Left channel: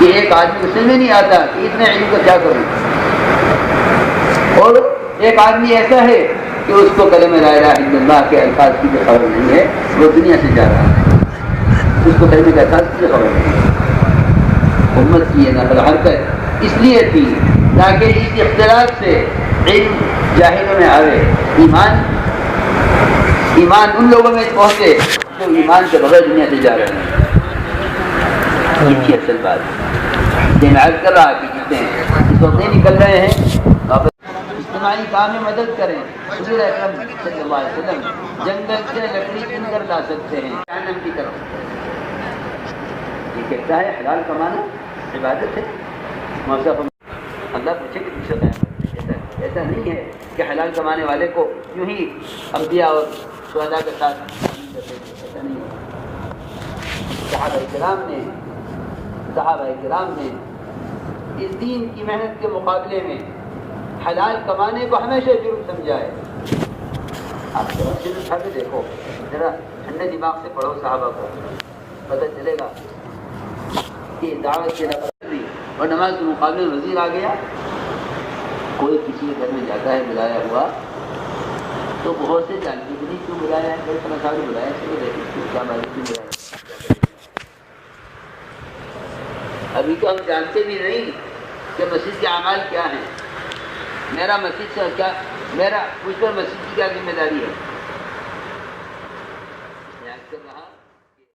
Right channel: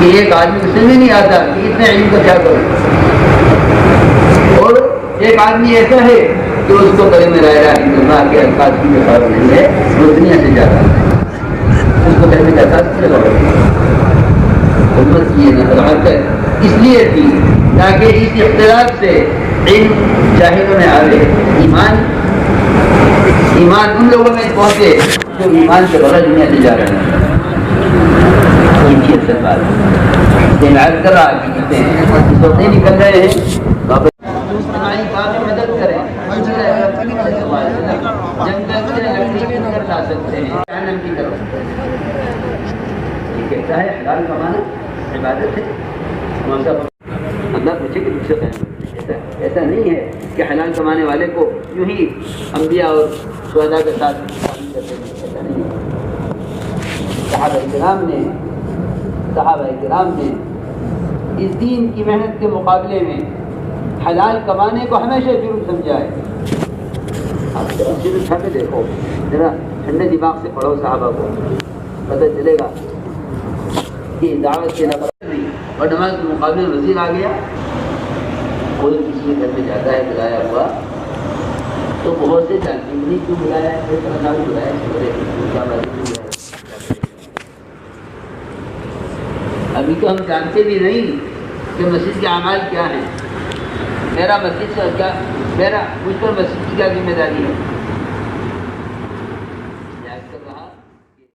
کہ ایک آدمی کو سمجھ نہیں آتا کہ اتنے علم کا کیا کرے، اور ایک آدمی ایسا ہے کہ اس کو کلمہ لا الہ الا اللہ کے الفاظ کی خبر نہیں ہے، وہ دنیا سے جا رہا ہے، اس کو کلمہ کے الفاظ کی خبر نہیں ہے۔ امت کی یہ نقل حرکت اس لیے تھی تاکہ اس اختلاف سے علم جاہلوں میں آوے، ایمان ان لوگوں میں پہنچے جو ایمان کے بغیر دنیا سے جا رہے ہیں۔ یہ اصل بات ہے، لیکن آج کل آگے ہیں اس وقت نہیں نکل رہے ہیں، واپس اجتماعی کام میں مدد کریں، جنگل سے لکڑی کر لا سکتے ہیں جہنم کی طرف۔ یہ کہتا ہے حلال کمانا عبادت ہے، اللہ پوچھے کہ دوسرے قائم ایسا نہیں ہے کہ حلال کمانے والے کو یوں ہی انبیاء اور شہداء کے ساتھ شامل کرتے ہیں، ایسا نہیں ہے۔ صحابہ کرام نے اس دین کی محنت کے مقابلے میں حلال کمانے کو ہمیشہ جرم سمجھا ہے۔ آپ سے اٹھا کے دیکھو، ذرا ٹھنڈے دماغ سے پڑھو صحابہ کو، پتہ چلے گا کہ دعوت سے نفرت نہیں، اور نماز کے مقابلے میں وزیر آ گیا، کوئی کسی کے گھر میں جاتا ہے بلایا ہوا تو بہت سے جانتے نہیں کیوں بلایا ہے، کوئی طرح کا بھی بلایا ہے، ابھی تو ہم جانتے بھی نہیں کہ مسجد کے اعمال کیا ہیں، مجھ پر مسجد کی کیا ذمہ داری ہے۔